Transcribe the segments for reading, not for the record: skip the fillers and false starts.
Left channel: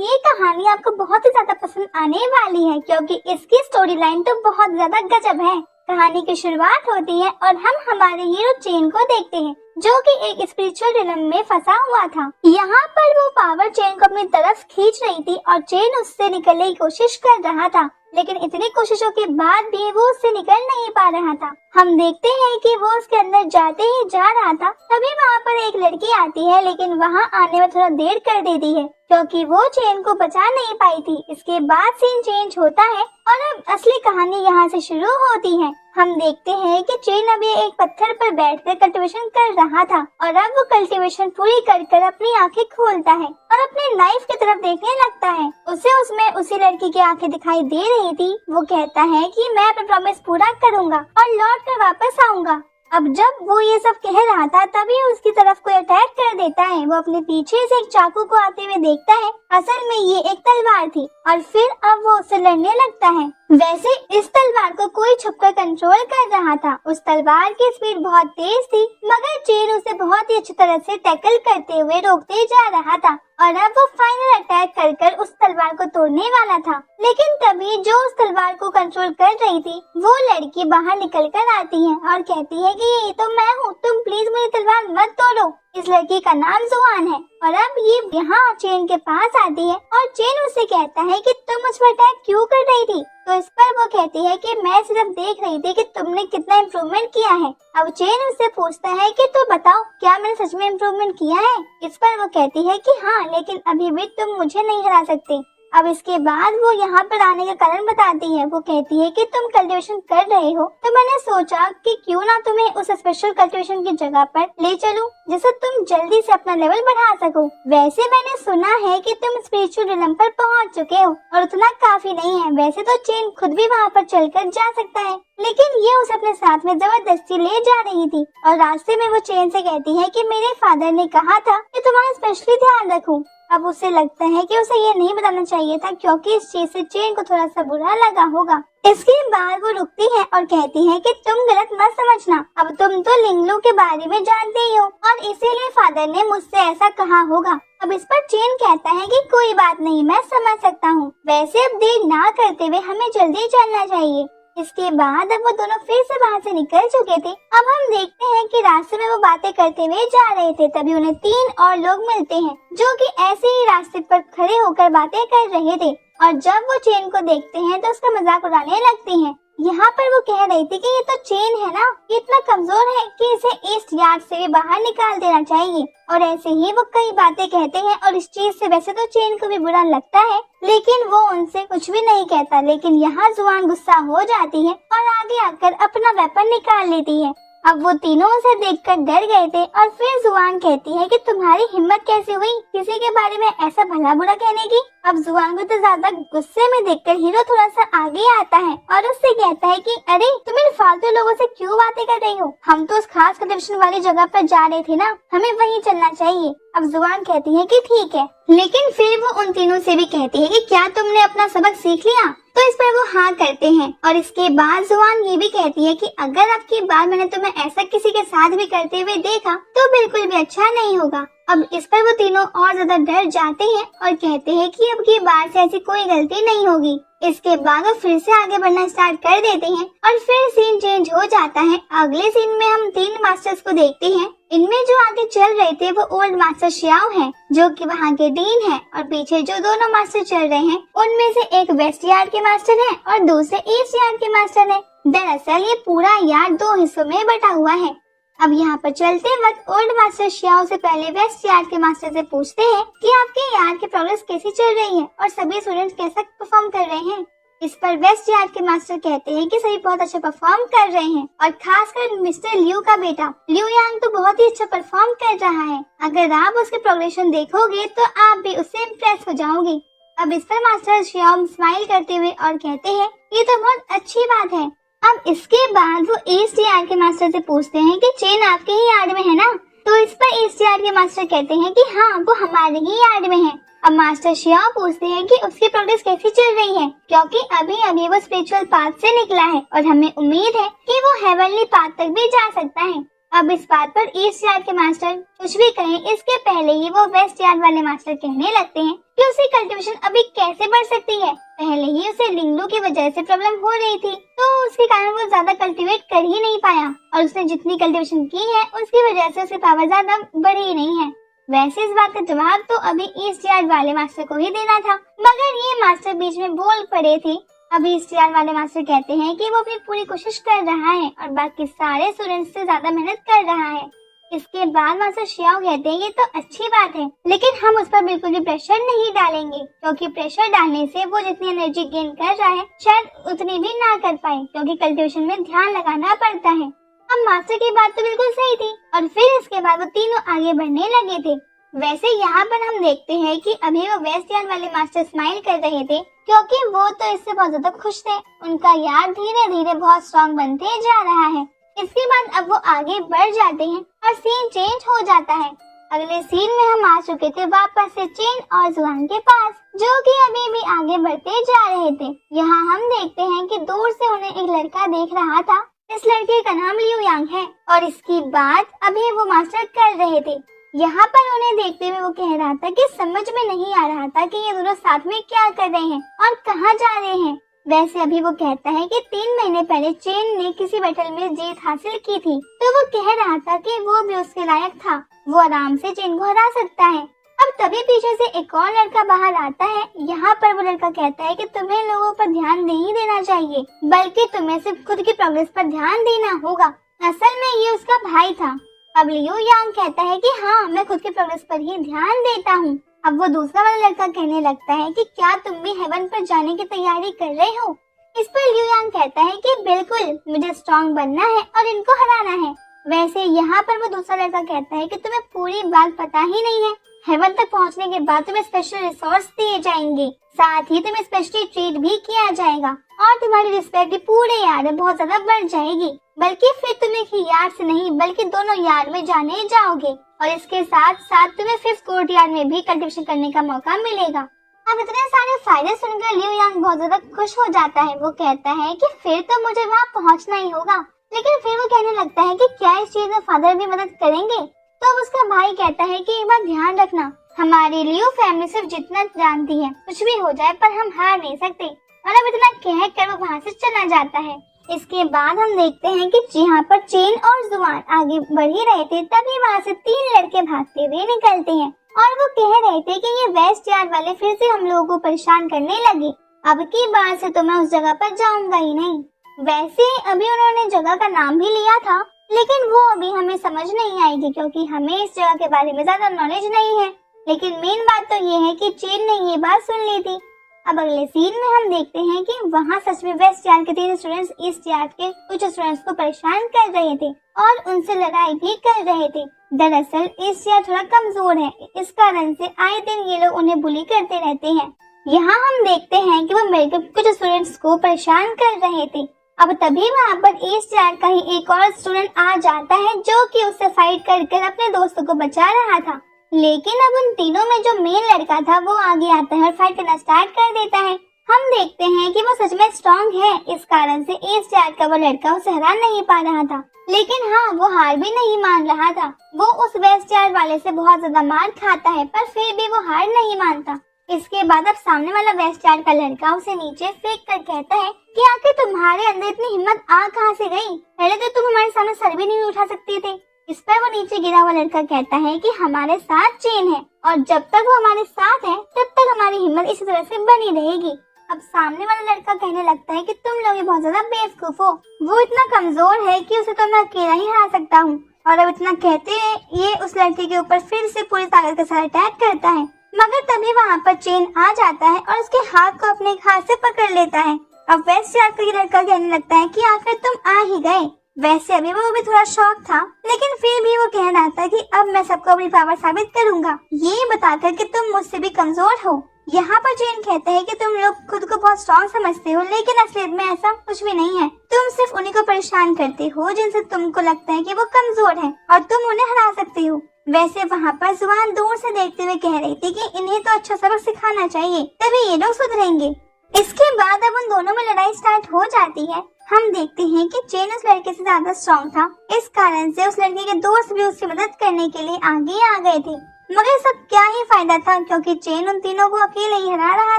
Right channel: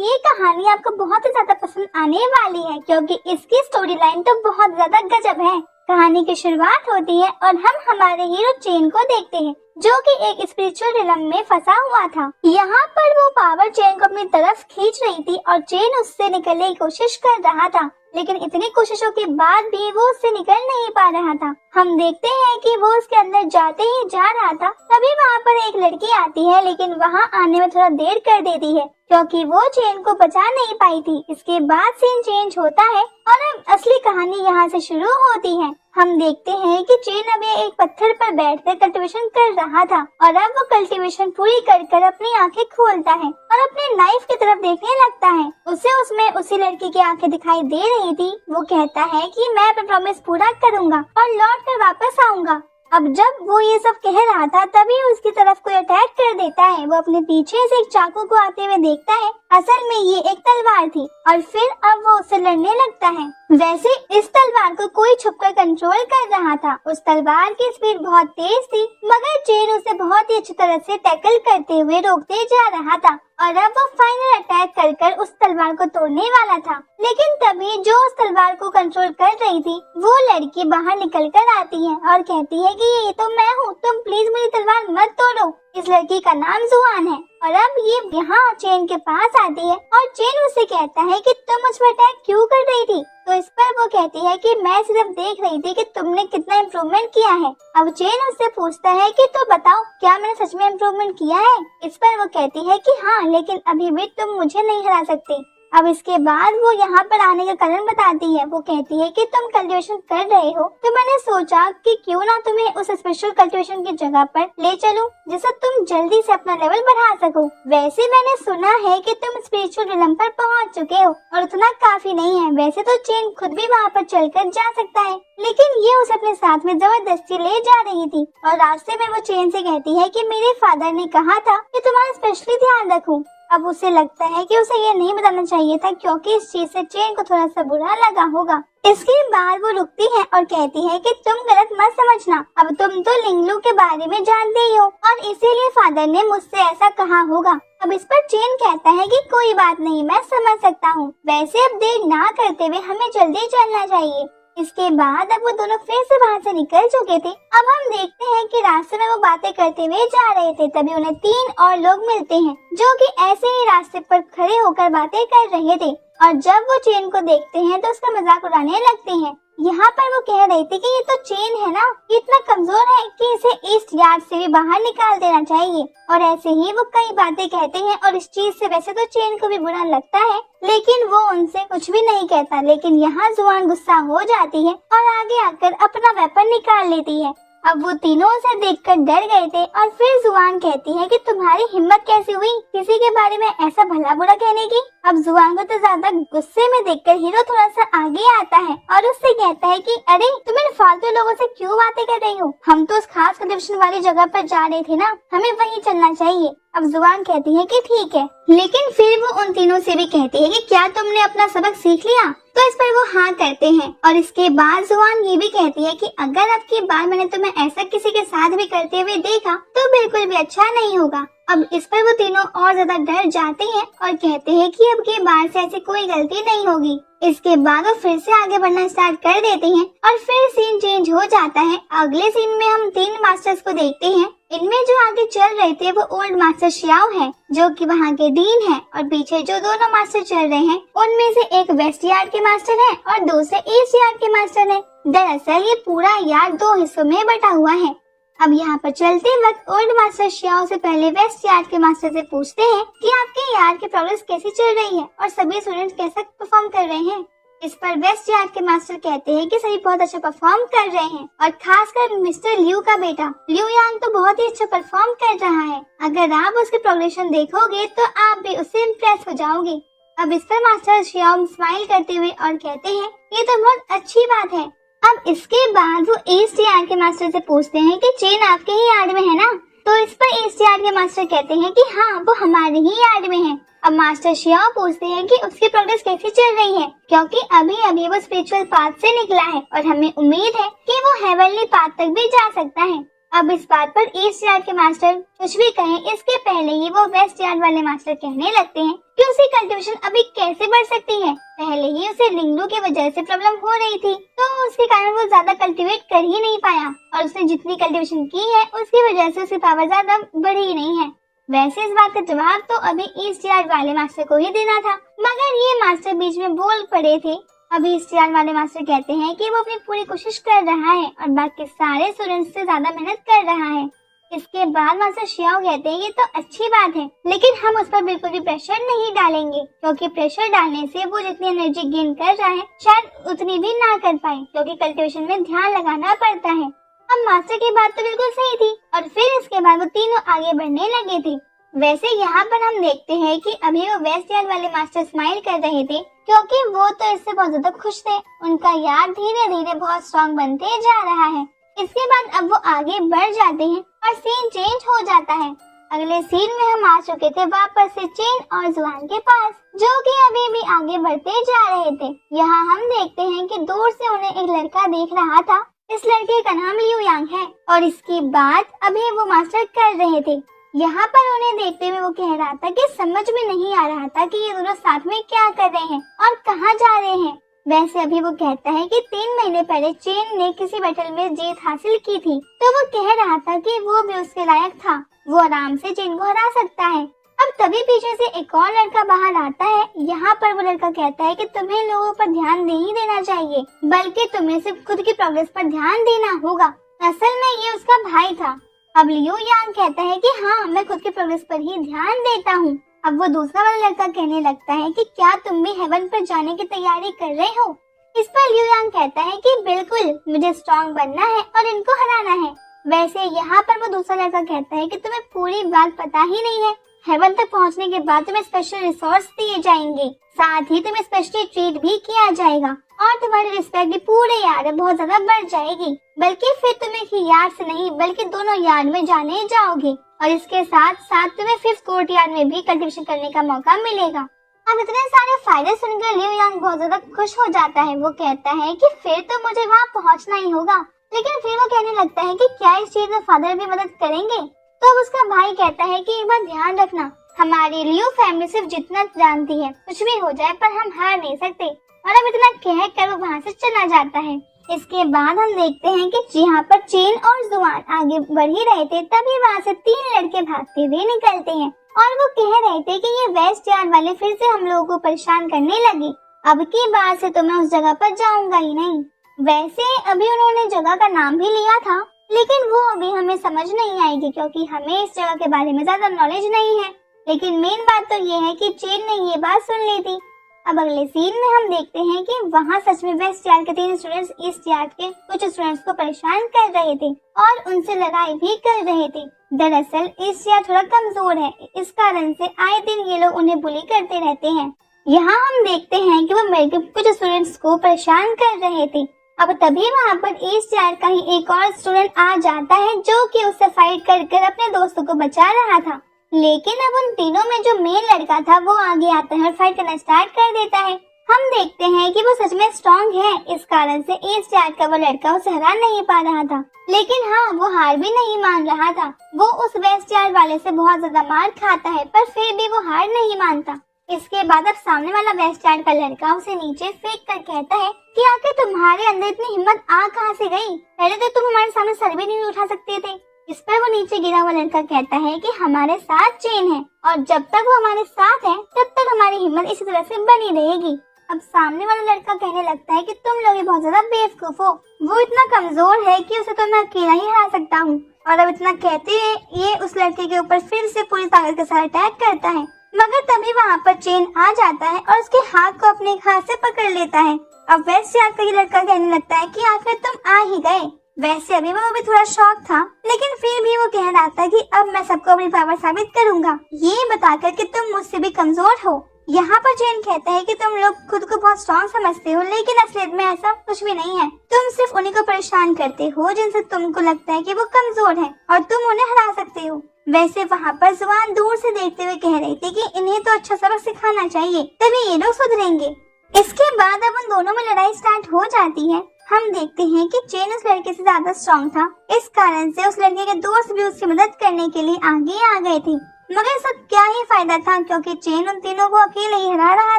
ये कहानी आपको बहुत ही ज्यादा पसंद आने वाली है क्योंकि इसकी स्टोरी लाइन तो बहुत ज्यादा गजब है। कहानी की शुरुआत होती है और हम हमारे हीरो चेन को देखते हैं जो कि एक स्पिरिचुअल रिलम में फंसा हुआ था। यहाँ पर वो पावर चेन को अपनी तरफ खींच रही थी और चेन उससे निकलने की कोशिश कर रहा था, लेकिन इतनी कोशिशों के बाद भी वो उससे निकल नहीं पा रहा था। हम देखते हैं कि वो उसके अंदर जाते ही जा रहा था, तभी वहाँ पर एक लड़की आती है, लेकिन वहाँ आने में थोड़ा देर कर देती है क्योंकि वो चेन को बचा नहीं पाई थी। इसके बाद सीन चेंज होता है और अब असली कहानी यहाँ से शुरू होती है। हम देखते हैं कि चेन अभी एक पत्थर पर बैठकर कल्टीवेशन कर रहा था और अब वो कल्टीवेशन पूरी कर अपनी आंखें खोलता है और अपने लाइफ की तरफ देखने लगता है। उसे उसमें उसी लड़की की आंखें दिखाई दे रही थी। वो कहता है कि मैं अपना प्रॉमिस पूरा करूंगा और लौट कर वापस आऊंगा। अब जब वो ये सब कह रहा था तभी उसकी तरफ कोई अटैक कर देता है। वो अपने पीछे से एक चाकू को आते हुए देखता है, असल में ये एक तलवार थी और फिर अब वो उससे लड़ने लगता है। वैसे इस तलवार को कोई छुपकर कंट्रोल कर रहा था। उस तलवार की स्पीड बहुत तेज थी मगर चेन उसे बहुत ही अच्छी तरह से टैकल करते हुए रोकते जा रहा था और अब वो फाइनल अटैक कर उस तलवार को तोड़ने वाला था। लेकिन तभी जो उस तलवार को कंट्रोल कर रही थी वो लड़की बाहर निकल कर आती है और कहती है कि ये तो मैं हूँ, तुम प्लीज मेरी तलवार मत तोड़ो। इस लड़की का नाम जुआन है और अब ये यहाँ चेन के पास आती है और चेन उसे कहता है कि तुम मुझ पर अटैक क्यों कर रही थी। तो इस पर वो कहती है कि मैं सिर्फ देख रही थी कि तुमने कितना इम्प्रूवमेंट किया है। अब चेन उससे पूछता है कि तू बताओ क्या मैंने सच में इम्प्रूवमेंट किया है। इस पर वो कहती है कि हाँ, लेकिन अभी भी तुम मुझे नहीं हरा सकते। अब इसके बाद वो यहाँ पर आने का कारण बताती है। वो कहती है कि तुम कल्टीवेशन कर रहे हो तो मैंने सोचा कि क्यों ना तुम्हें उस स्पेशल कल्टीवेशन की जगह पर ले चलूं जिससे तुम जल्दी से अपना लेवल बढ़ा सको। वैसे मैंने सुना है कि तुम स्पिरिचुअल रिलम पर पहुँच चुके हो और उतना काफी नहीं है। वैसे तो चेन खुद भी वहाँ पर चलकर जा सकता है, लेकिन ये उसे अपने साथ में जबरदस्ती ले जा रही थी और रास्ते में वो चेन से कहती है कि मेरे फादर ने कहा था कि तुम्हारा स्पेशली ध्यान रखूं। अब उसे लगता है कि उसे ये नहीं बताना चाहिए था क्योंकि इस चीज से चेन को थोड़ा सा बुरा लगा होगा। इसके बाद वो रुकती है और कहती है कि तुम गलत मत समझना, अब तुम तो लिंगलू के बारे में जानते ही हो और इसीलिए फादर ने मुझसे ऐसा कहा होगा। अब इस पर चेन कहता है कि कोई बात नहीं, मैं समझ सकता हूँ। वैसे अब देर ना करते हुए हमें जल्दी चलना चाहिए। इसके बाद अब वो दोनों फिर से वहाँ से निकल चुके थे। अब हम देखते हैं कि रास्ते में वो बातें करते हुए जा रहे थे, तभी उन्हें 3 और लोग मिलते हैं जो कि ऐसे ही रास्ते पर खड़े होकर बातें कर रहे थे और जब वो चेन को देखते हैं तो उसका मजाक उड़ाने लगते हैं। यहाँ पर वो कह रही थी कि ये तो चेन है ना, ये इतना कमजोर है कि इसे ईस्ट यार्ड से भी बाहर निकाल देना चाहिए। और ऐसे ही वो कई बातें कहते हैं और इस चीज से वैसे तो चेन को भी बुरा लगता है, लेकिन वो उनसे कुछ भी नहीं कहता। लेकिन यहाँ जुआन गुस्सा हो जाती है और आगे आकर अपना वेपन निकाल लेती है। अब वो तीनों उसे देखकर डर गए थे और फिर जुआन कहती है कि तुम्हारी हिम्मत कैसे हुई किसी के बारे में ऐसा भला बुरा कहने की। अब जुआन को तो ज्यादा गुस्से में देखकर हीरो थोड़ा सा आगे आता है और उससे कहता है कि अरे तुम इन फालतू लोगों से क्यों बातें कर रही हो, हम तो उस खास कनेक्शन वाली जगह पर जा रहे थे ना, हमें वहीं चलना चाहिए। अब जुआन कहती है कि ठीक है, लेकिन फिर वो उन तीनों से भी कहती है कि क्या तुमने अपना सबक सीख लिया। तो इस पर वो हाँ करते हैं और इसके बाद जुआन ये भी कहती है कि अगर अब की बार मैंने तुम्हें ऐसा किसी के साथ भी करते हुए देखा तो बिल्कुल भी अच्छा नहीं होगा। अब इस पर वो तीनों और ज्यादा डर जाते हैं और कहते हैं कि अब की बार से ऐसी कोई गलती नहीं होगी। इसके बाद वो फिर से आगे बढ़ना स्टार्ट कर देते हैं और फिर सीन चेंज हो जाता है। अगले सीन में हम 3 मास्टर्स को देखते हैं। इनमें जो आगे चल रहे थे वो ओल्ड मास्टर श्याओ है जो कि वहाँ के डीन है और पीछे जो दोनों मास्टर चल रहे हैं उनमें से एक वेस्ट यार्ड के मास्टर है और दूसरे ईस्ट यार्ड के मास्टर है। दरअसल ये पूरा यार्ड 2 हिस्सों में बटा हुआ है। अब यहाँ पर चलते वक्त ओल्ड मास्टर श्याओ से पहले वेस्ट यार्ड के मास्टर से पूछते हैं कि आपके यार्ड की प्रोग्रेस कैसी चल रही है और सभी स्टूडेंट्स कैसा परफॉर्म कर रहे हैं। इस पर वेस्ट यार्ड के मास्टर कहते हैं कि सभी बहुत अच्छा परफॉर्म कर रहे हैं और खासकर मिस्टर लियू का बेटा लियू यांग तो बहुत ही अच्छा परफॉर्म कर रहा है। अगर आप उसकी प्रोग्रेशन देखोगे तो आप भी उससे इम्प्रेस हो जाओगे। अब इस पर मास्टर श्याओ स्माइल करते हुए और कहते हैं ये तो बहुत अच्छी बात है। अब इसके बाद वो ईस्ट यार्ड के मास्टर से पूछते हैं कि चेन आपके ही यार्ड में है ना। तो इस पर ईस्ट यार्ड के मास्टर कहते हैं कि हाँ वो हमारे ही यार्ड में है। अब मास्टर श्याओ पूछते हैं कि उसकी प्रोग्रेस कैसी चल रही है क्योंकि अभी अभी वो स्पिरिचुअल पाथ से निकला है और हमें उम्मीद है कि वो हेवनली पाथ तक भी जा सकता है। अब इस बात पर ईस्ट यार्ड के मास्टर कुछ भी कहें इसके पहले ही वो वेस्ट यार्ड वाले मास्टर कहने लगते हैं कि उसकी कल्टीवेशन अभी कैसे बढ़ सकती है। पहले ही उसे लिंगलू की वजह से प्रॉब्लम हो रही थी, तो उसके कारण वो ज्यादा कल्टीवेट कर ही नहीं पाया और उसने जितनी कल्टीवेशन की है उसकी वजह से उसकी पावर ज्यादा बढ़ी ही नहीं है। वैसे इस बात का जवाब तो अभी ईस्ट यार्ड वाले मास्टर को ही देना था, मगर ये मास्टर बीच में बोल पड़े थे। अभी ईस्ट यार्ड वाले मास्टर कहते हैं कि वो अपनी पूरी कोशिश कर रहा है और बाकी सारे स्टूडेंट्स से ज्यादा मेहनत कर रहा है। इसके बाद मास्टर शियाओ कहते हैं ये तो अच्छी बात है, लेकिन हम उस पर बिल्कुल भी प्रेशर नहीं डालेंगे, क्योंकि प्रेशर डालने से वो जितनी एनर्जी गेन कर रहा है शायद उतनी भी ना कर पाए, क्योंकि कल्टीवेशन में ध्यान लगाना पड़ता है। अब मास्टर की बात तो बिल्कुल सही थी और फिर इसके बाद वो तीनों आगे बढ़ने लगे थे। वैसे यहाँ पर हम देखते हैं कि अभी वो वेस्ट यार्ड वाले मास्टर स्माइल कर रहे थे, क्योंकि वो तो इससे बहुत ज्यादा खुश थे। उनका यार्ड धीरे धीरे बहुत स्ट्रॉन्ग बनते जा रहा है। इसके बाद अब वो आगे बढ़ जाते हैं और सीन चेंज हो जाता है। अगले सीन में हम आ चुके थे वापस से चेन और जुआन के पास, जो कि अभी भी आगे बढ़ते जा रहे थे। यहाँ हम देखते हैं कि दूर से उन्हें एक लड़का देख रहा था। इस लड़के का नाम लियू यांग है और इसकी बात अभी वो मास्टर कर रहे थे। यहाँ पर उन्हें देखते हुए वो कह रहा था कि समझ में नहीं आ रहा था कि ये दोनों साथ में क्या कर रहे हैं और कहाँ जा रहे हैं। वैसे अभी वो कहता है कि 3 महीने पहले चेन ने किसी बैटल में जीत हासिल की थी, तो वो कह रहा था कि वो भी उसके लायक था, वो आराम से चेन को हरा सकता है। अब तभी पीछे से एक और लड़का बाहर आता है। यहाँ पर वो लड़का कहता है कि तुम्हें लोगों पर ध्यान नहीं देना चाहिए, बल्कि तुम्हें सिर्फ खुद की प्रोग्रेस पर ध्यान देना होगा। असल में ये उसका भाई था। अब लियू यांग कहता है कि हाँ, मैं खुद की प्रोग्रेस पर ही ध्यान देता हूँ। अब वो दूसरा वाला लड़का कहने लगता है कि क्या तुम भी हेवन पर जाने की तैयारी कर रहे हो। इस पर लियू यांग कहता है कि बिल्कुल, मुझे स्ट्रॉन्ग बनना है और इनको हराना है। वैसे यहाँ पर वो दूसरा लड़का कहता है कि तुम्हें पूरी बात पता ही नहीं है। हेवन तक पहुँचने के बाद तुम्हें स्पेशल रिसोर्स दिए जाएंगे, साथ ही तुम्हें स्पेशली ट्रीट भी किया जाएगा और तुम्हारी रिस्पेक्ट भी पूरे यार्ड में बहुत ज्यादा बढ़ जाएगी। बल्कि फिर तुम एक यार्ड से नहीं बल्कि दोनों यार्ड में जाने जाओगे और इसके साथ साथ तुम्हें 5th कोर्ट यार्ड में भी कल्टीवेशन करने का मौका मिलेगा। अब इतने सारे फायदे सुनकर लियू यांग बहुत ज्यादा खुश हो जाता है। वो कहता है कि फिर तो मुझे वहाँ पहुँचना ही होगा, लेकिन फिर वो कहने लगता है कि क्या इस चीज में फादर भी मदद करेंगे। तो उसका भाई कहता है कि एक बात ध्यान रखना, हमारी लियू फैमिली सिर्फ जितना जानती है, कुछ भी हो जाए पर हम हार नहीं सकते। और अब इतना कह कर वो वहाँ से चला जाता है। इसके बाद हम देखते हैं कि यहाँ पर चेन और जुआन आगे बढ़ ही रहे थे, तभी वहाँ से 3 लड़के भागते हुए निकलते हैं और वो कह रहे थे कि ये वेस्ट यार्ड वाले फिर से हम लोगों को परेशान करने लगे, अब की बार से तो मैं उस जगह पर जाऊंगा ही नहीं। वैसे अभी उन्होंने जगह का नाम भी लिया था, लेकिन वो अभी हमें समझ नहीं आएगी, क्योंकि हमें इस जगह के बारे में ज्यादा नॉलेज नहीं है। लेकिन मेन बात तो ये है कि चेन ने ये बात सुन ली थी। अब अगले सीन में हम देखते हैं कि वहाँ सच में वेस्ट यार्ड के 3 स्टूडेंट्स ईस्ट यार्ड के कुछ स्टूडेंट्स को परेशान कर रहे थे और उनसे लड़ाई भी कर रहे थे। दरअसल ईस्ट यार्ड थोड़ा कमजोर है, इस कारण से आए दिन ये लोग उन्हें बुली करते रहते हैं। यहाँ हम देखते हैं कि वो मिलकर कुछ स्टूडेंट्स को परेशान कर रहे थे। अब तभी वहाँ पर ईस्ट यार्ड का ही एक और स्टूडेंट आ जाता है, जो कि उससे फाइट कर अपने दोस्तों को बचा रहा था। लेकिन अब उन तीनों में जो मेन लड़का था वो आगे आता है और फाइट करना स्टार्ट कर देता है। हम देखते हैं कि वो सच में स्ट्रॉन्ग है, इस कारण से ईस्ट यार्ड का वो लड़का उसे हरा नहीं पा रहा था। लेकिन हाँ, वो हार भी नहीं मान रहा था। वो उस वेस्ट यार्ड वाले से बहुत ज्यादा मार खाता है, पर फिर भी वो हार नहीं मानता। इसके बाद अब सामने वाला वेस्ट यार्ड का लड़का उसे नीचे फेंक कर कहता है कि आखिर तुम्हारे अंदर इतनी हिम्मत आ कहाँ से गई? पहले तो तुम हमारे सामने सर भी नहीं उठा सकते थे। इस पर वो नीचे गिरा हुआ लड़का कहता है कि हमारे साथ चेन है और जब तक वो हमारे साथ है तब तक हमारी हिम्मत इसी तरह से बनी रहेगी। अब सामने वाला लड़का कहने लगता है कि तुम लोग ही बहुत ज्यादा बेवकूफ हो, वो इतना कमजोर है कि उसे तो मैं अकेला ही हरा सकता हूँ। और अब इतना कहते हैं ये उस लड़के के ऊपर फिर से पूरी ताकत के साथ अटैक करता है, मगर तभी वहाँ पर चेन आ जाता है और उसके हाथ को अपने हाथ से पकड़ लेता है। अब वेस्ट यार्ड का ये लड़का कहने लगता है कि आखिर तुम आ ही गए। वैसे अभी वो भी थोड़ा शॉक था, लेकिन फिर भी वो कह रहा था कि अब मैं सबको अपनी पावर साबित करूंगा, ये बताकर कि तुम मुझसे भी कमजोर हो। यहाँ पर चेन कहता है कि तुम लोग खुद को बहुत स्ट्रॉन्ग समझते हो, लेकिन असलियत में ऐसा कुछ भी नहीं है। तुम सिर्फ उन्हीं को परेशान करते हो जिनसे तुमको लगता है कि वो कमजोर है और तुम उन्हें हरा सकते हो। वैसे वहाँ पर जुआन दूर से देखते हुए कह रही थी कि इन्हें तो अच्छा सबक सिखाना चाहिए, तभी ये लोग सुधरेंगे। इसके बाद अब उन दोनों में लड़ाई स्टार्ट हो जाती है। हम देखते हैं कि चेन उस लड़के से ज्यादा स्ट्रॉन्ग था। इस कारण से उस लड़के के दोस्त भी उसकी मदद करने के लिए आगे आ गए थे। मगर सब क्या ही फायदा था, क्योंकि चेन उन तीनों को अकेले ही हरा रहा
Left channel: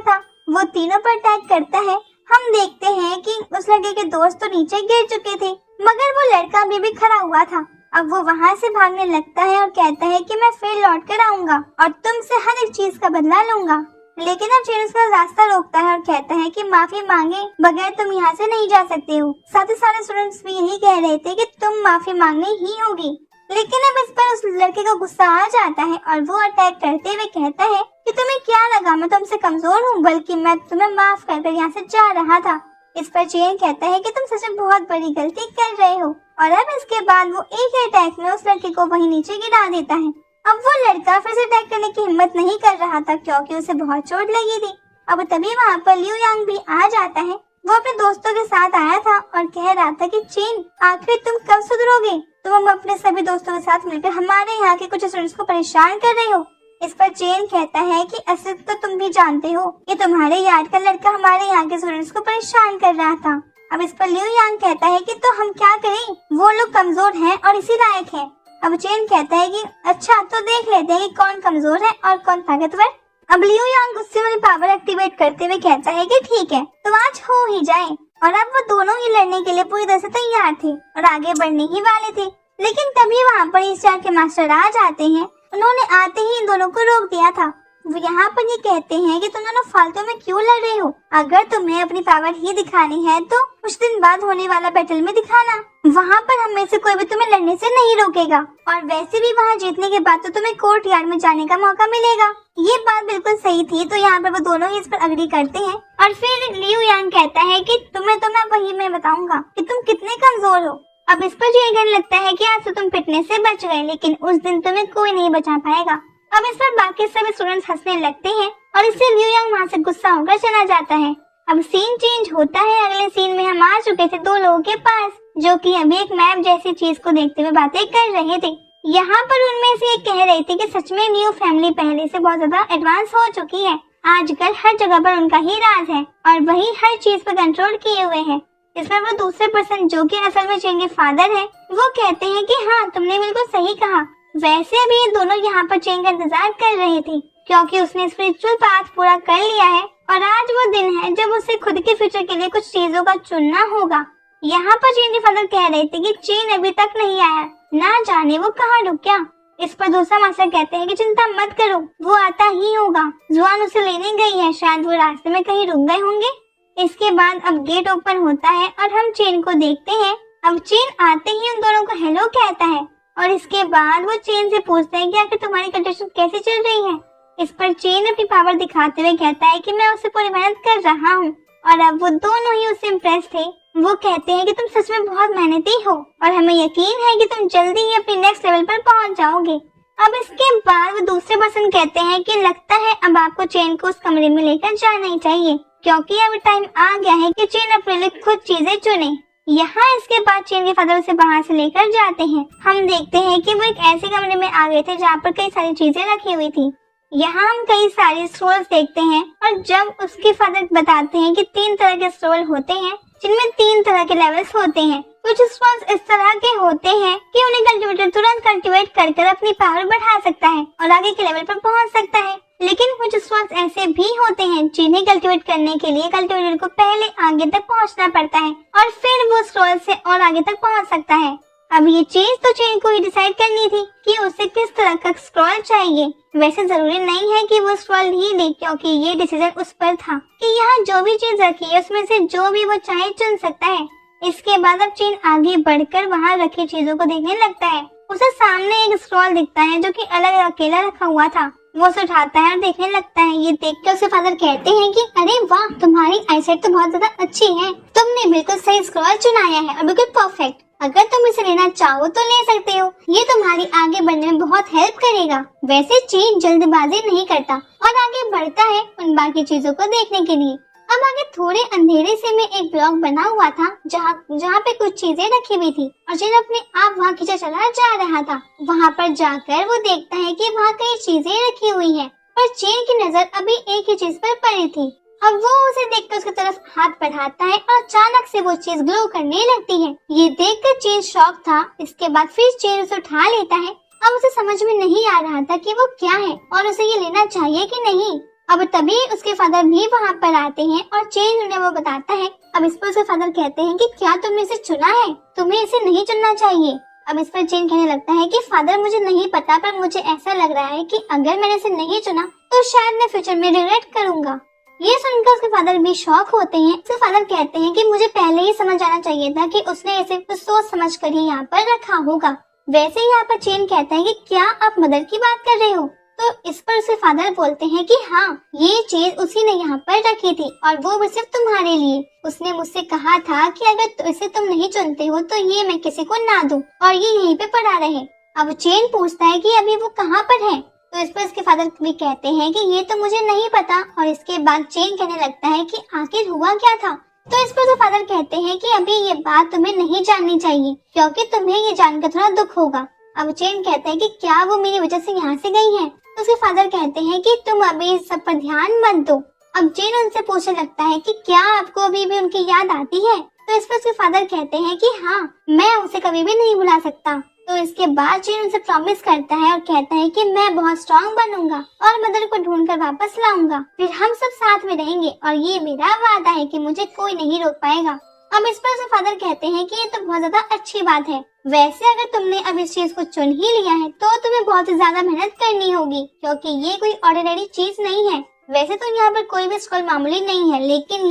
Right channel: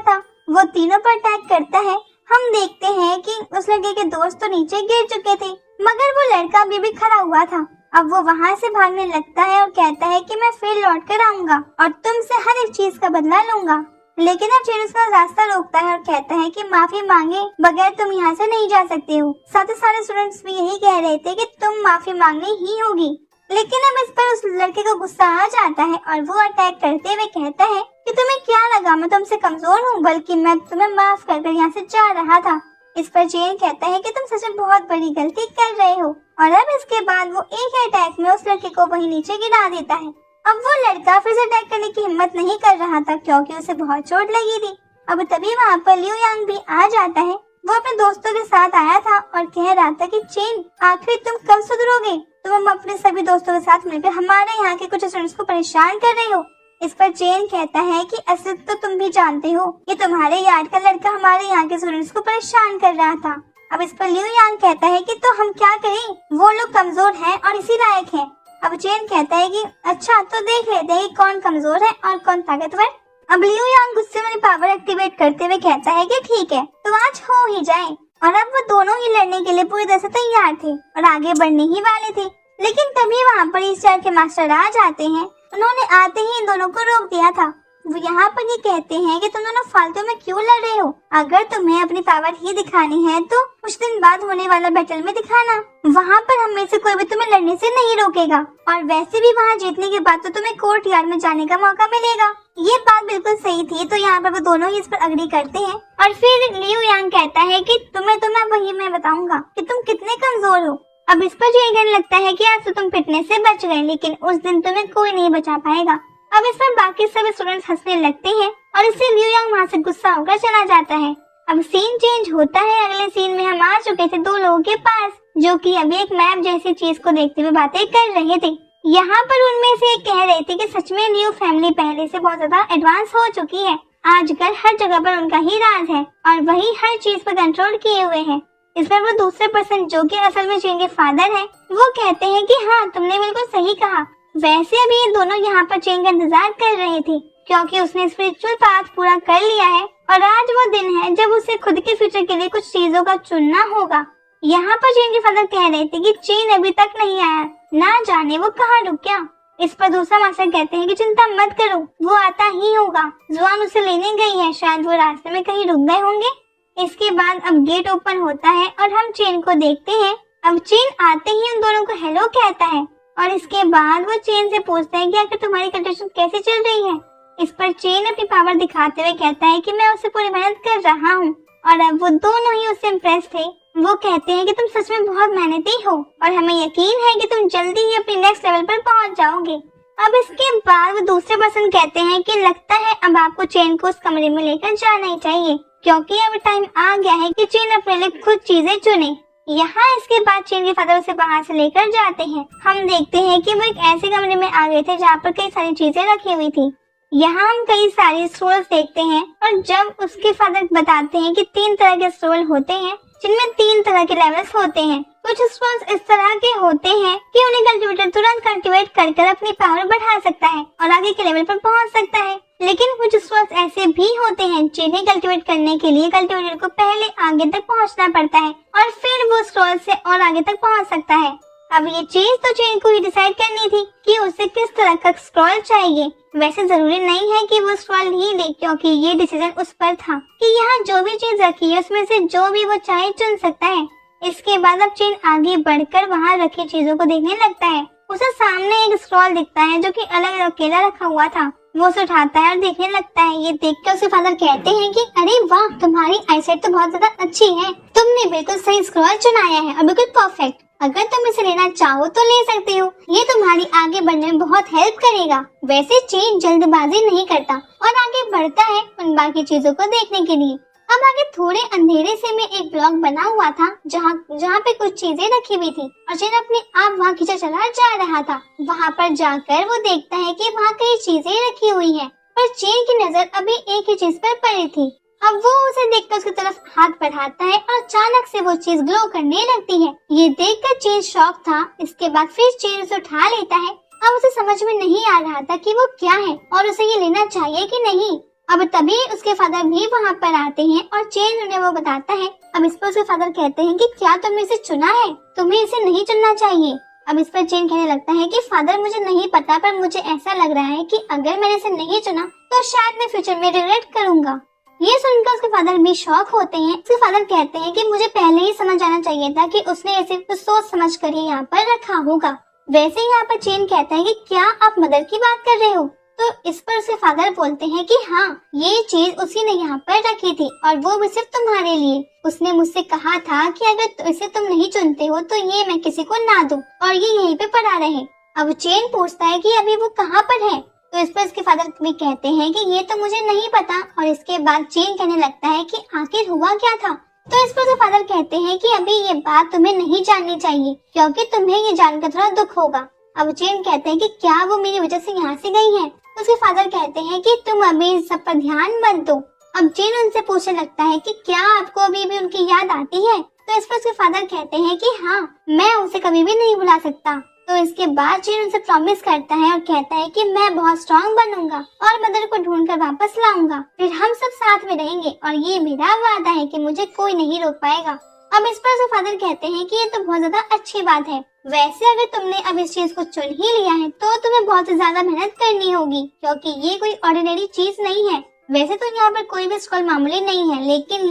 था। वो तीनों पर अटैक करता है। हम देखते हैं कि उस लड़के के दोस्त तो नीचे गिर चुके थे, मगर वो लड़का अभी भी खड़ा हुआ था। अब वो वहाँ से भागने लगता है और कहता है कि मैं फिर लौट कर आऊंगा और तुमसे हर एक चीज का बदला लूंगा। लेकिन अब चेन उसका रास्ता रोकता है और कहता है कि माफी मांगे बगैर तुम यहाँ से नहीं जा सकते हो। साथ ही सारे स्टूडेंट्स भी यही कह रहे थे कि तुम माफी मांगनी ही होगी। लेकिन अब इस पर उस लड़के को गुस्सा आ जाता है और वो अटैक करते हुए कहता है कि तुम्हें क्या लगा मैं तुमसे कमजोर हूँ, बल्कि मैं तुम्हें माफ कर यहाँ से जा रहा था। इस पर चेन कहता है कि तुम सच में बहुत बड़ी गलती कर रहे हो। और अब इसके बाद वो एक ही अटैक में उस लड़के को वहीं नीचे गिरा देता है। अब वो लड़का फिर से अटैक करने की हिम्मत नहीं कर रहा था, क्योंकि उसे बहुत चोट लगी थी। अब तभी वहाँ पर लियू यांग भी आ जाता है। वो अपने दोस्तों के साथ आया था और कह रहा था कि चेन आखिर तुम कब सुधरोगे? तुम अपने सभी दोस्तों के साथ मिलकर हमारे यहाँ के कुछ स्टूडेंट्स को परेशान कर रहे हो। इस पर चेन कहता है कि असल तो तुम भी जानते हो कि तुम्हारे यार का लड़का हमारे यहाँ के स्टूडेंट्स को परेशान कर रहा था। अब इस पर लियू यांग कहता है कि तो हम क्या करें, वो लोग कमजोर हैं और इसी लायक हैं। अब चेन कहता है कि अच्छा तो देख लेते हैं कि कौन कमजोर है और कौन ताकतवर। अब लियू यांग गुस्से में पावर एक्टिवेट करते हुए कहता है कि ठीक है तो आज हो ही जाए। और अब वो दोनों ही लड़ने के लिए पूरी तरह से तैयार थे और आगे बढ़ने ही वाले थे। लेकिन तभी वहाँ पर इस चार के मास्टर आ जाते हैं। उन्होंने आते ही इन दोनों को रोक दिया था। वो यहाँ पर ये कहते हैं कि तुम दोनों फालतू में क्यों लड़ रहे हो? अगर तुम्हें अपनी पावर ही दिखानी है तो कुछ दिन बाद होने वाला बैटल में दिखाना। वहाँ पर हम में से कोई भी तुम्हें लड़ने से नहीं रोकेगा और वैसे भी वहाँ जीतने के बाद तो तुम्हें कोर्ट यार्ड में जाने का मौका मिलेगा। ये बात बिल्कुल सही थी। तो यहाँ पर वो दोनों ही इस पर अग्री करते हैं और फिर लियू यांग कहता है कि तुम्हें तो मैं वही मैं बताऊंगा कि तुम कितने कमजोर हो। अब इस पर ये कहने लगता है कि आज तो तुम पिटने से बच गए, लेकिन उस दिन तुम्हें कोई नहीं बचा पाएगा। अब इस पर बाकी सभी स्टूडेंट्स हंसने लगते हैं और इससे लियू यांग वहाँ से गुस्सा होकर चला जाता है। अब सीन चेंज होता है। अगले सीन में हम आ चुके थे दो लोगों के पास, जो कि अब एक मैप जैसी चीज को देखते हुए बातें कर रहे थे। यहाँ पर उनमें से एक कह रहे थे कि सच में लियू फैमिली पहले से बहुत ज्यादा एडवांस हो चुकी है। आजकल हर जगह पर उनका ही राज है और वही हर चीज पर कंट्रोल किए हुए हैं। इसमें वो दूसरे पर्सन जो कि असल में चेन के फादर हैं, वो कहते हैं कि हाँ तुमने बिल्कुल सही कहा। वैसे अभी ये दोनों यहाँ पर चेन का इंतजार कर रहे थे, क्योंकि उसने स्पिरिचुअल पाथ पूरा कर लिया है और आज वो दिन है जब उसे खुद के फ्यूचर के लिए कुछ चीजों का चुनना होगा। यहाँ पर चेन के फादर कह रहे थे कि चेन अभी तक नहीं आया, ना जाने वो कहाँ रुक गया। इस पर दूसरा मास्टर कहते हैं कि चिंता मत करो, वो आता ही होगा। जुआन उसे लेने गई है, शायद वो रास्ते में कहीं रुक गए होंगे। इसके बाद अब गेट ओपन होता है और हम चेन को देखते हैं। अब चेन आते ही उन दोनों को हेलो कहता है और इसके बाद वो चेन से पूछता है कि आखिर तुम्हारी कंडीशन कैसे चल रही है। इस पर चेन अपनी पावर दिखाते हुए कहता है कि मैं उसे पूरी मेहनत कर रहा हूँ और अब वो दोनों ही उससे इम्प्रेस थे। वो कहते हैं कि तुम सच में बहुत मेहनती हो और हमें यकीन है कि तुम जल्दी ही अपने नेक्स्ट लेवल पर पहुँच जाओगे। अब इसके बाद वो दूसरे पर्सन कहते हैं कि लगता है अब आपको चेन को उस कमरे में लेकर जाना ही चाहिए, क्योंकि अब टाइम आ गया है कि चेन अपने लिए खुद चीजें चुने। यहाँ इसके बाद चेन के फादर उसे बाहर से लेकर जाते हैं। हम देखते हैं कि वो एक ऐसे कमरे में आ गए थे जहाँ पर कई सारी चीजें रखी हुई थी। यहाँ हम कई सारे स्टोर्स देखते हैं और जब उसके फादर बताते हैं कि 3 तरह के स्टोर होते हैं जिनमें 3 तरह के लेवल्स होते हैं। कुछ स्टोर्स इस तरह के होते हैं कि उन्हें कल्टिवेटर तुरंत कल्टिवेट कर अपनी पावर बढ़ा सकता है और आगे के लेवल पर पहुँच सकता है। लेकिन कुछ स्टोर्स ऐसे भी होते हैं जिन्हें कल्टिवेट करने के लिए कल्टिवेटर को पहले आगे तक पहुंचना पड़ता है और फिर वो स्टोर से और आगे तक पहुंच सकता है। अब ये चीज तो चेन को ही डिसाइड करनी थी कि उसे किस तरह का स्क्रॉल चाहिए। वैसे जरूरी नहीं है कि वो स्क्रॉल ही ले, क्योंकि ये डिसीजन उस पर था कि यहाँ जो भी चीज रखी है उसमें से जो भी वो चाहे चुन सकता है। इसके बाद अब चेन आगे बढ़कर वहाँ रखी चीजों को देखने लगता है। उसे सामने एक स्क्रॉल दिखता है जो कि अलग अकेला रखा हुआ था। वो उसे उठाता है और देखने लगता है। ये देख कर उसके फादर कहते हैं कि अरे वाह, तुम्हारी आईसाइट तो बहुत ज्यादा अच्छी है, तुमने बिल्कुल सही स्क्रॉल चुनाया है और बिल्कुल परफेक्ट। अगर तुम इसे लेना चाहो तो ले सकते हो, ये तुम्हारी आगे बढ़ने में बहुत हेल्प करेगा। वैसे चेन जल्दबाजी नहीं करता और आगे बढ़ता है उन बाकी चीजों को देखने के लिए। अब आगे थोड़े अंधेरे से में एक ब्लॉक बना हुआ था जहाँ पे कुछ चीजें रखी हुई थी और चेन अपने आप वहाँ खींचा चला जा रहा था। वहाँ पर जाकर वो देखता है कि वहाँ कई चीजें रखी हुई हैं, पर चेन की नजर अभी एक ही चीज पर पड़ी थी। अब वो उसे देखकर उसकी तरफ हाथ बढ़ाता है और अचानक से वो चीज ग्लो करने लगती है। ये देखकर चेन शॉक था। इसके बाद फिर चेन उसे उठा लेता है। अब उसे समझ में नहीं आ रहा था कि वो क्या है और उसे ये लेना चाहिए कि नहीं। अब तभी उसके फादर भी वहाँ पर आते हैं और चेन उन्हें वो बताता है। अब इस पर उसके फादर कहते हैं कि क्या तुमने इसे चुना है, तुम्हें इसे नहीं चुनना चाहिए। अब इस पर चेन कहने लगता है कि फादर मुझे नहीं पता, पर मुझे ऐसा लग रहा है कि अगर मैंने इसे नहीं चुना तो शायद मैं फ्यूचर में रिग्रेट करूंगा। ये सुनकर उसके फादर भी शॉक होते हैं। उसके फादर कहते हैं कि मुझे पहले ही समझ आना चाहिए था कि उसने इसे कुछ सोच समझ कर ही यहाँ पर रखा होगा। वैसे यहाँ पर चेन कहता है कि क्या आप मदर की बात कर रहे हो? तो इस पर उसके फादर बोलते हैं कि हाँ, ये चीज उसी ने यहाँ पर रखी थी और वो भी सिर्फ तुम्हारे लिए। उसने मुझसे कहा था कि अगर इसे तुम नहीं चुनते हो तो ये मैं किसी को ना दूं और ये यहीं पे पड़ा रहे। अब चेन पूछता है कि अभी वो कहाँ पर है? तो इस पर उसके फादर भी कहते हैं कि ये तो मुझे नहीं पता। और इसके बाद चेन कहने लगता है कि आखिर हुआ क्या था? तो इस पर उसके फादर कहते हैं कि अभी ये बात तुम्हें नहीं जाननी चाहिए क्योंकि तुम्हें ये जानकर थोड़ा दुख होगा। अब चेन कहता है कि क्या वो मेरी वजह से यहाँ से गई है? तो उसके फादर कहते हैं कि तुम अभी इस सब पर ध्यान मत दो। अब चेन उनसे पूछने लगता है कि क्या आपको अभी भी उनकी याद आती है? तो इस पर उसके फादर कहते हैं कि हाँ, मैं उसे कभी भी नहीं भुला सकता। तो इसके बाद चेन उनसे प्रॉमिस करता है और कहता है कि मैं बहुत स्ट्रांग बनूंगा और मदर को ढूंढकर वापस लाऊंगा, फिर हम सब साथ में रहेंगे और ये मेरा वादा है कि मुझे कोई नहीं रोक पाएगा। अब इस पर उसके फादर कहते हैं कि ये तो बहुत ज्यादा अच्छी बात है। वैसे अगर तुमने अब इस चीज को चुन ही लिया है तो तुम्हें बहुत ज्यादा मेहनत करनी होगी क्योंकि ये कोई ऑर्डिनरी चीज नहीं है। वैसे तो यहाँ पर कोई भी स्क्रॉल मामूली नहीं है, लेकिन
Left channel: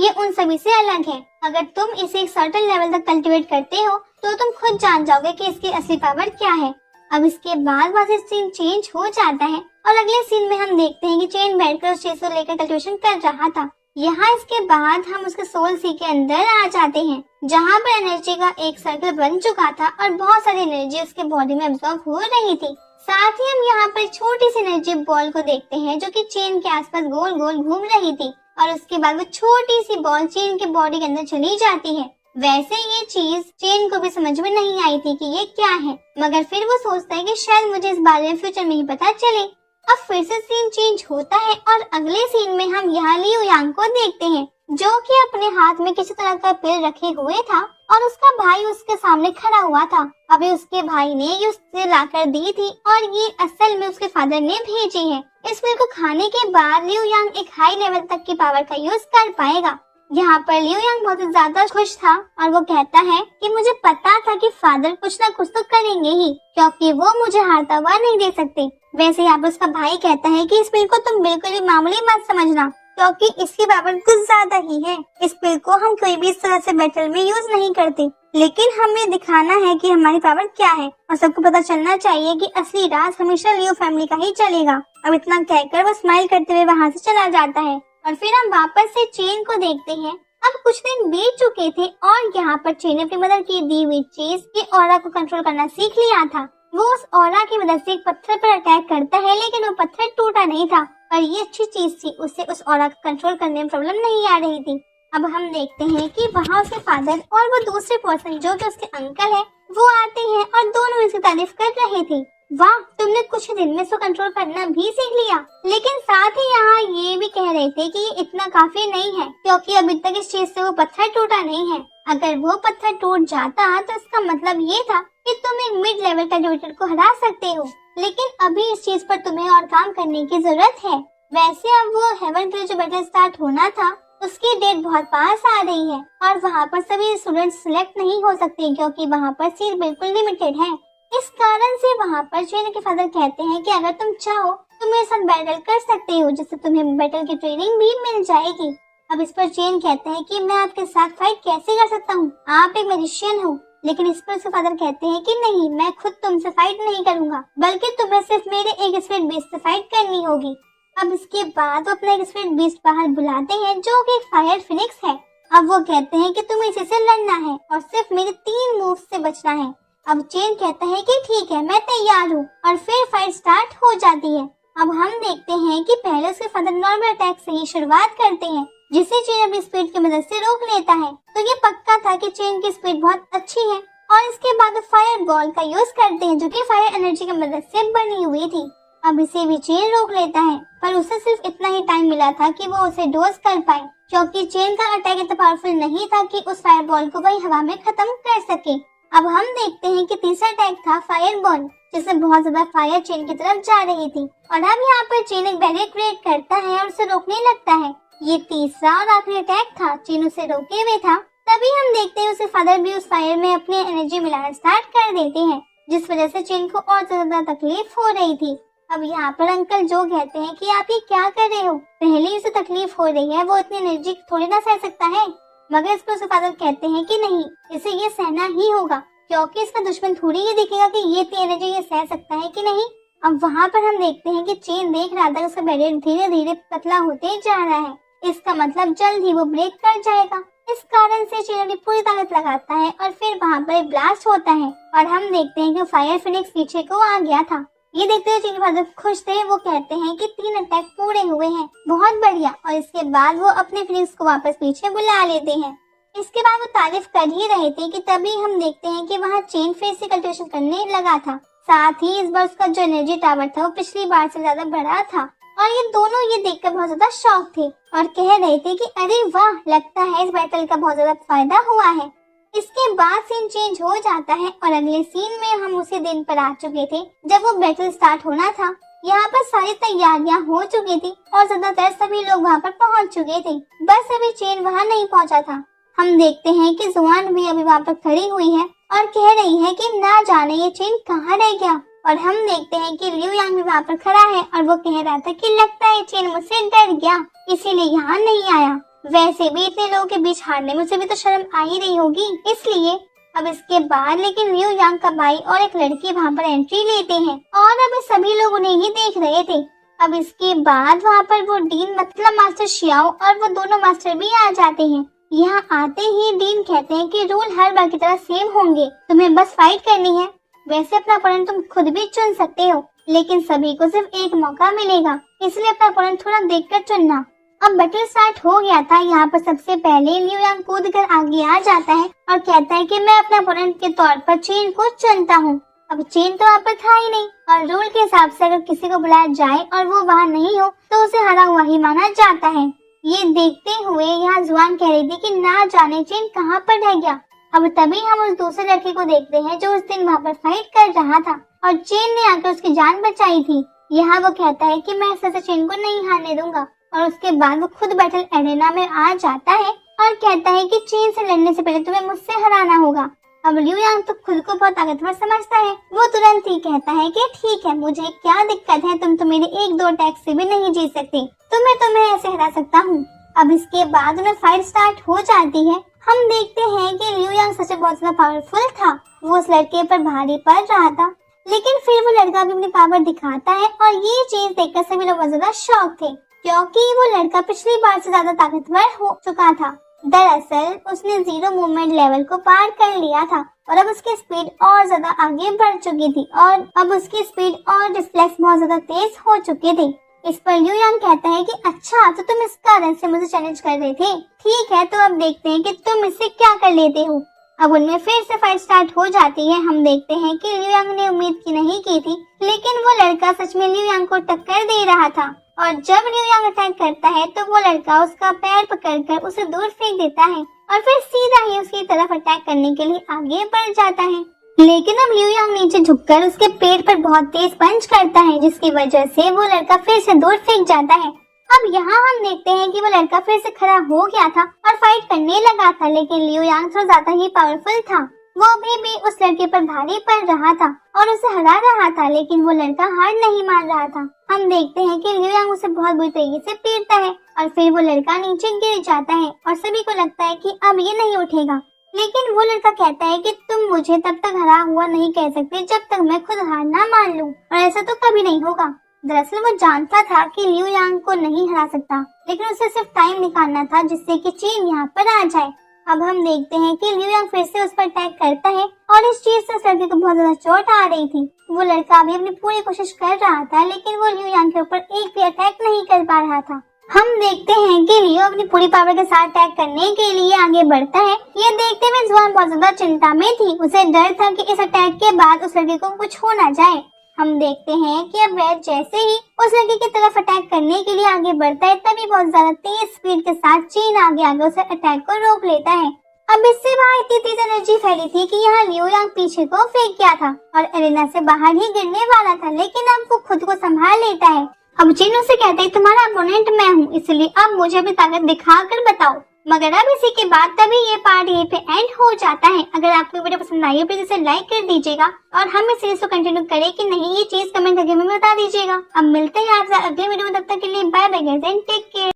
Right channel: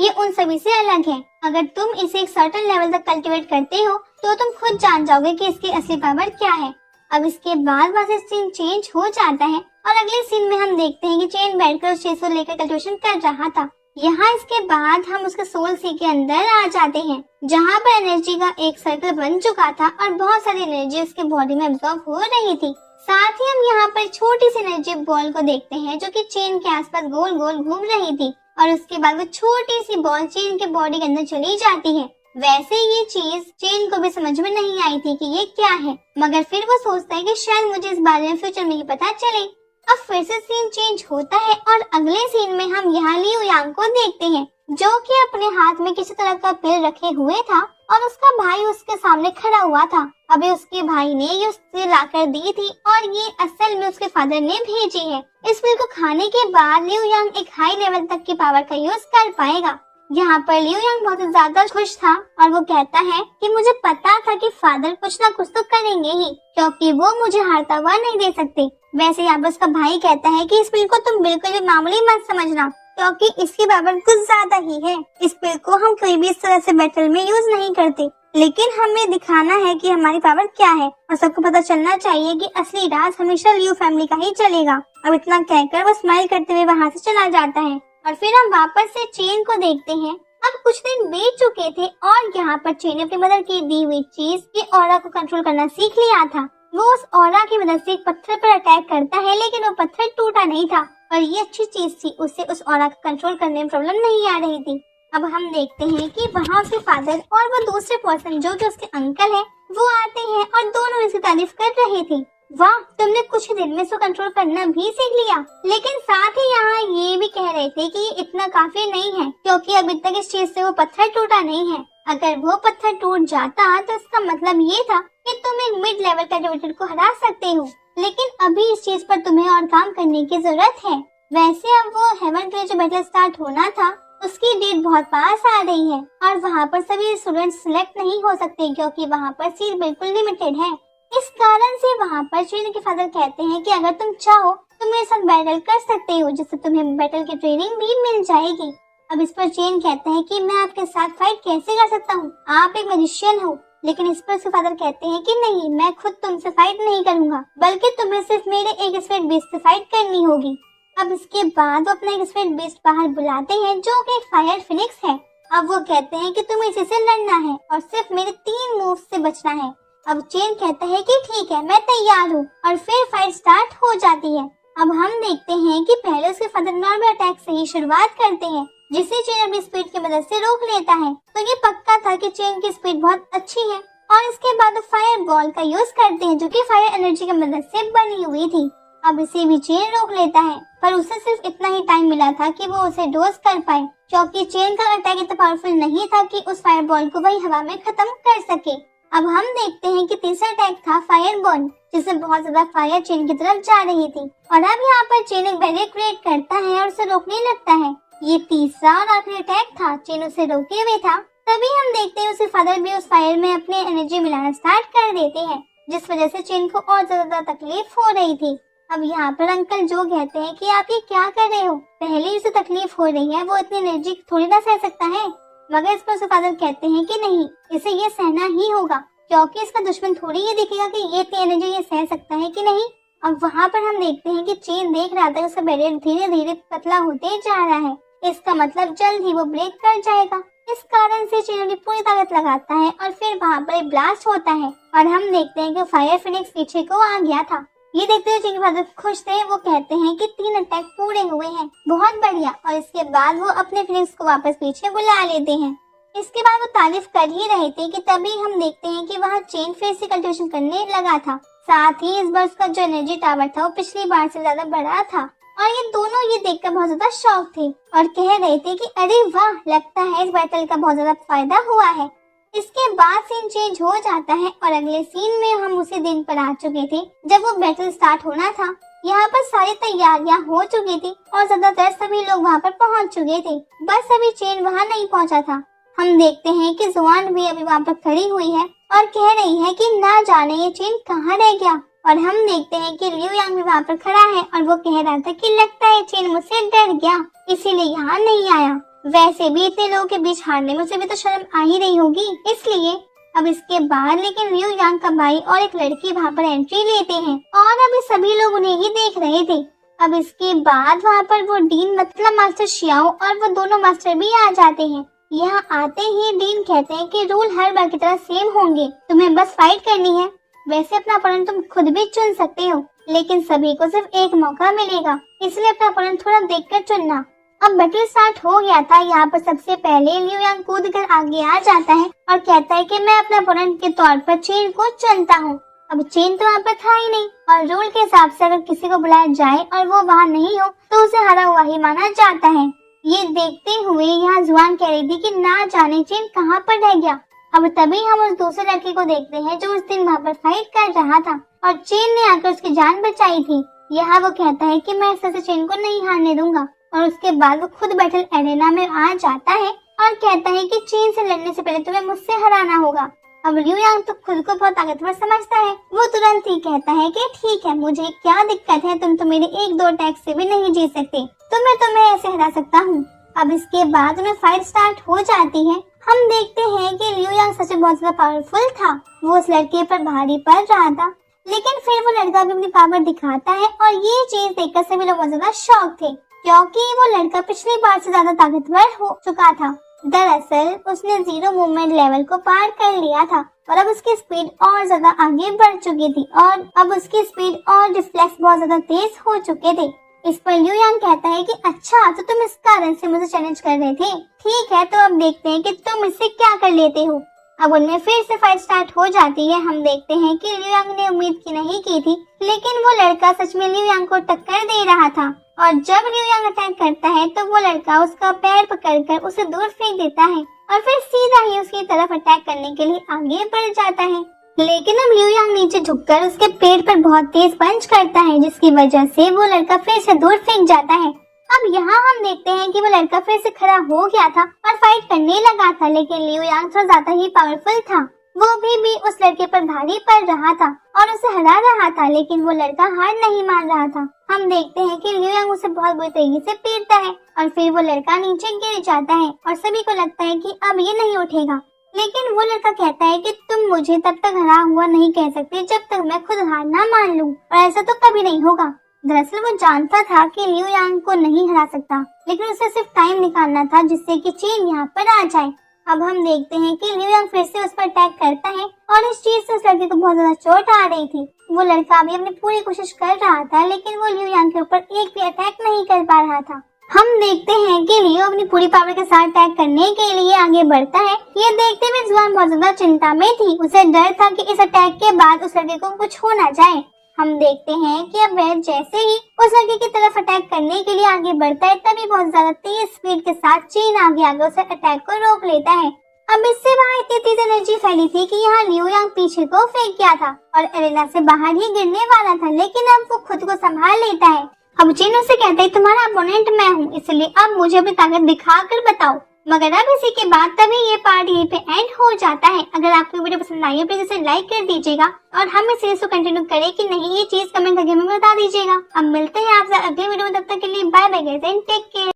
ये उन सभी से अलग है। अगर तुम इसे एक सर्टेन लेवल तक कल्टीवेट करते हो तो तुम खुद जान जाओगे कि इसकी असली पावर क्या है। अब इसके बाद वैसे सीन चेंज हो जाता है और अगले सीन में हम देखते हैं कि चेन बैठकर उस चीज को लेकर कल्टीवेशन कर रहा था। यहाँ इसके बाद हम उसके सोल सी के अंदर आ जाते हैं जहाँ पर एनर्जी का एक सर्कल बन चुका था और बहुत सारी एनर्जी उसके बॉडी में एब्जॉर्ब हो रही थी। साथ ही हम यहाँ पर छोटी सी एनर्जी बॉल को देखते हैं जो कि चेन के आसपास गोल गोल घूम रही थी और उसके बाद वो छोटी सी बॉल चेन के बॉडी के अंदर चली जाती है। वैसे ये चीज चेन को भी समझ में नहीं आई थी कि ये क्या है, मगर फिर वो सोचता है कि शायद मुझे इस बारे में फ्यूचर में ही पता चले। अब फिर से सीन चेंज होता है और अगले सीन में हम यहाँ लियू यांग को देखते हैं जो कि अपने हाथ में किसी तरह का पिल रखे हुए था और उसका भाई उसके सामने खड़ा हुआ था। अभी उसके भाई ने ये उसे लाकर दी थी और ये असल में उसके फादर ने भेजी है। इस पिल को खाने के बाद लियू यांग एक हाई लेवल तक की पावर का यूज कर पाएगा। यहाँ पर लियू यांग बहुत ज्यादा खुश था और वो कहता है कि मुझे पता था कि फादर कुछ ना कुछ तो करेंगे ही क्योंकि वो मुझे हारता हुआ नहीं दे सकते। वैसे यहाँ पर उसका भाई कहता है कि इस पिल को तुम बिल्कुल भी मामूली मत समझना क्योंकि इसकी पावर कुछ ज्यादा ही है। इस पिल को हम कोई भी इस तरह से बैटल में यूज नहीं करते, लेकिन हमें दिखाना है कि हमारी पावर क्या है और सबको पता चलना चाहिए कि असली राज हमेशा लियू फैमिली का ही चलेगा। अब इतना कहकर वो स्माइल करते हुए वहाँ से चला जाता है और फिर हम वापस से चेन को देखते हैं। अब कुछ दिन बीत चुके थे और यहाँ पर चेन ने अपनी मदर की दी हुई चीज के ऑरा को कंट्रोल करना सीख लिया था। वो उस ऑरा की मदद से एक पत्थर पर अटैक करता है, लेकिन वो पत्थर टूटा नहीं था और ये अच्छी चीज थी, उससे उस ऑरा को कंट्रोल करने में प्रॉब्लम नहीं आ रही थी। अब हम देखते हैं कि वहाँ उसके फादर और वो दूसरे पर्सन जो कि उसके अंकल है वो आते हैं और दोनों इसकी तारीफ कर रहे थे। वाह, तुमने कुछ दिन में इसको कंट्रोल करना भी सीख लिया। लेकिन साथ ही यहाँ ये भी कह रहे थे कि ये इतना काफी नहीं है क्योंकि अभी तक इस चीज से वो पत्थर टूटा नहीं है। अगर वो पत्थर टूट जाता तो इसका मतलब ये था कि तुम एक मिड लेवल कैरेक्टर को हरा सकते हो, लेकिन अभी इस चीज पर तुम्हें और काम करने की जरूरत है। वैसे अब वो हेवन के जो बैटल स्टार्ट होना था उसकी डेट बहुत पास आ रही है और वहाँ पर सभी स्टूडेंट्स सिलेक्ट नहीं हो सकते क्योंकि वहाँ पर सीट बिल्कुल लिमिटेड है। इस कारण से वहाँ पर चेन के फादर कहते हैं कि अगर तुम चाहो तो मेरे साथ बैटल कर सकते हो, जिससे तुम्हें बैटल की ट्रेनिंग भी मिल जाएगी। अब इस पर चेन कहते हैं कि मैं आपके साथ फाइट कैसे कर सकता हूँ, आप एक मैजिशियन हो। लेकिन इस पर उसके फादर कहते हैं कि नहीं, मैं खुद तुमसे फाइट नहीं करूँगा, बल्कि तुम्हें सिर्फ मेरे एक स्पिरिट बीस्ट से फाइट करनी होगी। अब इसके बाद वो अपना एक स्पिरिट बीस्ट बाहर बुलाते हैं जो कि एक फायर फिनिक्स है। अब वो कहते हैं कि तुम्हें इसी से लड़ना है और सिर्फ मेरे 3 मूव से बचना है। अब चेन कहता है कि ठीक है, मैं तैयार हूँ और फिर फाइट स्टार्ट हो जाती है। अब हम देखते हैं कि पहले उसके फादर नॉर्मल अटैक से ही शुरुआत करते हैं जिसे चेन अपनी स्पीड की मदद से रोक लेता है। तो ये पक्का था कि चेन की स्पीड बहुत अच्छी है और इसके बाद वो फायर बॉल का यूज करते हैं जो कि फायर एनर्जी की मदद से बनी हुई थी। अब इसे भी चेन रोक लेता है पर उसे सिर्फ इतना ही टाइम मिला रहा था कि वो उसे डोज कर पाए, क्योंकि चेन का अटैक इतना पावरफुल नहीं था कि उस फायरबॉल को वही हवा में खत्म कर सके। अब हम देखते हैं कि तीसरा अटैक था फायरबॉल, जिसमें बहुत ज्यादा फायर चेन की तरफ जा रही थी। और अब यहाँ पर चेन एक बैरियर क्रिएट करता है और उसे रोकने लगता है। ये तीसरा और आखिरी अटैक था, चेन उसे रोके हुए था। तभी हम देखते हैं उसके फादर भी उस फायर में अपनी एनर्जी मिलाना स्टार्ट कर देते हैं, जिस वजह से चेन को और ज्यादा तकलीफ हो रही थी। अब यहाँ पर अंकल जो कहते हैं कि आप ये क्या कर रहे हो, पहले इसे तकलीफ हो रही है, वो इतनी एनर्जी थोड़ी ना सह सकता है। मगर इस पर उसके फादर कहते हैं कि नहीं, इसे ये सहना ही होगा, क्योंकि इसका दुश्मन थोड़ी ये देखेगा कि ये इतनी एनर्जी ये सह सकता है कि नहीं। अब वहाँ पर हम देखते हैं कि चेन देख रहा था उसका बैरियर धीरे धीरे पतला होते जा रहा है। इसका मतलब जल्द ही वो ब्रेक कर जाएगा। इस कारण से चेन अपनी पूरी ताकत लगाता है और फिर वहाँ पर ब्लास्ट होता है और हम देखते हैं कि फायर फिनिक्स पीछे को आ गया था। ये देखते हुए चेन के फादर खुश थे। वो कहते हैं कि 3 अटैक पूरे हुए हैं, बहुत बढ़िया। और इसके बाद वो अपने फिनिक्स को वापस पीछे बुला लेते हैं। इसके बाद वो तारीफ कर ही रहे थे कि तभी हम देखते हैं कि वहाँ चेन फिर से कल्टिवेशन करने लगा था। साथ ही इस बार उसका जो एनर्जी टावर था वो पिछली बार से ज्यादा बड़ा था। और ये दोनों ये देखकर बहुत ज्यादा शॉक थे और कह रहे थे कि अरे वाह, लगता है इस बैटल का बहुत ज्यादा फायदा हुआ है। इसके बाद सीन चेंज हो जाता है और अगले सीन में हम उसी दिन पर आ चुके थे जब वो बैटल स्टार्ट होना था। यहाँ पर सारी तैयारियां हो चुकी थी और ज्यादातर सभी लोग वहाँ पर पहुँच चुके थे, बस अभी चेन वहाँ नहीं पहुँचा था। हम देखते हैं कि जुआन भी अभी वहाँ पर खड़ी हुई है और कह रही है कि ना जाने ये चेन कहाँ रह गया। और हम देखते हैं कि लियू यांग भी वहाँ पर खड़ा है और वो कह रहा था कि लगता है चेन मुझसे डर गया, इसीलिए यहाँ नहीं आया। वैसे भी इतने लोगों के बीच हारने में उसे भी तो शर्म आ ही रही होगी, इसलिए। अब इसके बाद लेकिन लियू यांग का भाई और एक लड़की वहाँ पर एंट्री लेते हैं और अभी सभी लोग उन्हें ही देख रहे थे। अब इसके बाद वहाँ पर वो डीन मतलब मास्टर शियाओ और वो दोनों मास्टर भी आ जाते हैं। यहाँ आते ही डीन कहते हैं कि रूल हर बार की तरह सेम होंगे, तुम्हें बस फाइट करनी है। वैसे अपना अपोनेंट तुम खुद भी चुन सकते हो, लेकिन सभी को सिर्फ एक मौका मिलेगा, इसलिए अपना अपोनेंट थोड़ा देखकर चुनना। अब बैटल स्टार्ट हो गया था। यहाँ पर सबसे पहले लियू यांग कूद कर आगे आ जाता है और कहता है कि मैं अपने अपोनेंट के तौर पर चेन को चुनता हूँ। अब चेन तो वहाँ पर था ही नहीं और रूल के हिसाब से अगर किसी को बुलाया जाए और वो वहाँ नहीं हो तो उसे हारा हुआ ही माना जाता है। ये देखते हुए यहाँ जुआन कह रही थी कि ना जाने चेन कहाँ पर रह गया। अब तभी हम उस दूसरे लड़के को देखते हैं जो उस दिन वहाँ पर फाइट कर रहा था और चेन ने आकर उसकी जान बचाई थी। यहाँ वो कहता है कि मैं ऐसे चेन को नहीं हारने दूंगा और उसके बाद वो खुद बैटल एरेना में आ जाता है और कहता है कि चेन से लड़ने से पहले तुम्हें मुझसे हराना होगा। अब लियू यांग तो खुद को बहुत ताकतवर समझता है, वो तुरंत ही कहता है कि ठीक है, मुझे क्या दिक्कत है, तुम तो मेरे 1-2 अटैक से भी नहीं जीत सकते, तुम्हें ऐसे हरा सकता हूँ। अब इसके बाद में फाइट स्टार्ट हो जाती है। हम देखते हैं कि लियू यांग सच में बहुत ज्यादा पावरफुल था। वो उस लड़के पर भारी पड़ रहा था, लेकिन फिर वो लड़का भी अपनी पावर दिखाता है और ये चीज देखकर सभी लोग बहुत ज्यादा शॉक थे, क्योंकि वो लड़का पिछली बार से ज्यादा ताकतवर हो चुका था। दरअसल उसने 0 मूवमेंट लेवल को पार कर लिया था और अब उसकी स्पीड और ज्यादा आगे बढ़ चुकी थी और अब उसकी स्पीड और रिफ्लेक्स बहुत ज्यादा तेज हो चुके थे। इस पर लियू यांग कहता है कि अच्छा, तो तुम इस कारण से मुझे चैलेंज कर रहे थे, ठीक है, तो अब देखते हैं कि तुम इससे क्या कर लेते हो। अब उनमें फिर से फाइट स्टार्ट हो जाती है। हम देखते हैं कि लियू यांग ने उम्मीद की नहीं की थी, लेकिन वो लड़का सच में लियू यांग को टक्कर दे रहा था और जब लियू यांग अटैक करता है तो वो लड़का उसका पैर पकड़कर उसे दूर फेंक देता है और फिर सीधा ही उसकी तरफ अटैक करने के लिए आगे बढ़ जाता है। लेकिन अब लियू यांग नीचे झुककर उसके पेट पर बहुत तेज पंच करता है, जिसकी वजह से वो लड़का फिर से दूर फेंक जाता है। अब यहाँ हम देखते हैं कि वो लड़का फिर से खड़ा हो गया था और फाइट करने लगा था, लेकिन लियू यांग थोड़ा ज्यादा ही पावरफुल था। वो भी उस लड़के पर भारी पड़ रहा था और उसे हरा रहा था, लेकिन वो लड़का हार नहीं मान रहा था। हम देखते हैं कि लियू यांग उसे बहुत बुरी तरीके से पीटता है और फिर वो लड़का नीचे गिर जाता है और सभी को लगता है कि अब ये नहीं उठेगा। लेकिन वो लड़का कहता है कि तुम मुझे तब तक हरा हुआ नहीं कह सकते जब तक मैं खुद हार ना मान लूं, और ऐसा तो कभी नहीं होगा। दरअसल वो जानता था कि लियू यांग को नहीं हरा सकता, लेकिन उसे सिर्फ टाइम निकालना था जिससे कि चेन यहाँ पर आ जाए। अब हम देखते हैं कि लियू यांग फिर से उस पर अटैक करता है और इस चीज से उस लड़के को बहुत ज्यादा चोट आ रही थी। वो लड़का भी अपनी पूरी कोशिश कर रहा था, लेकिन वो लियू यांग के ऊपर एक भी अटैक नहीं कर पा रहा था। हम देखते हैं कि लियो अपनी पूरी पावर के साथ अटैक करने के लिए आगे बढ़ता है। ये देखते हुए जुआन बहुत ज्यादा चिंता में थी। उसे डर था कि इस अटैक के बाद उस लड़के को कुछ हो ना जाए। हम देखते हैं कि अब वह जैसे ही उस लड़के की तरफ अटैक करने के लिए आगे बढ़ता है, तभी बहुत ज्यादा तेज स्पीड के साथ चेन आगे आगे उस अटैक को रोक लेता है। अब इससे वहाँ इतनी तेज एनर्जी फैली थी कि यहाँ लियो यांग पीछे को फेंक गया था और एरेना से बाहर ही गिरने वाला था, लेकिन अब वो खुद को संभाल लेता है। अब चेन उसे कहता है तुम्हारा अपोनेंट मैं हूँ, इसलिए अब मुझे अपनी ताकत दिखा कर बताओ। मगर अब इसी के बाद तभी ये पार्ट यहीं पे एंड हो जाता है। अगर आपको वीडियो पसंद आई है प्लीज इसे लाइक कर दीजिएगा और हम इस सीरीज को कंटिन्यू करें कि नहीं ये चीज कमेंट करके हमें बता दीजिएगा। अब मिलते हैं आपसे अगले वीडियो में, तब तक के लिए bye bye guys and take care.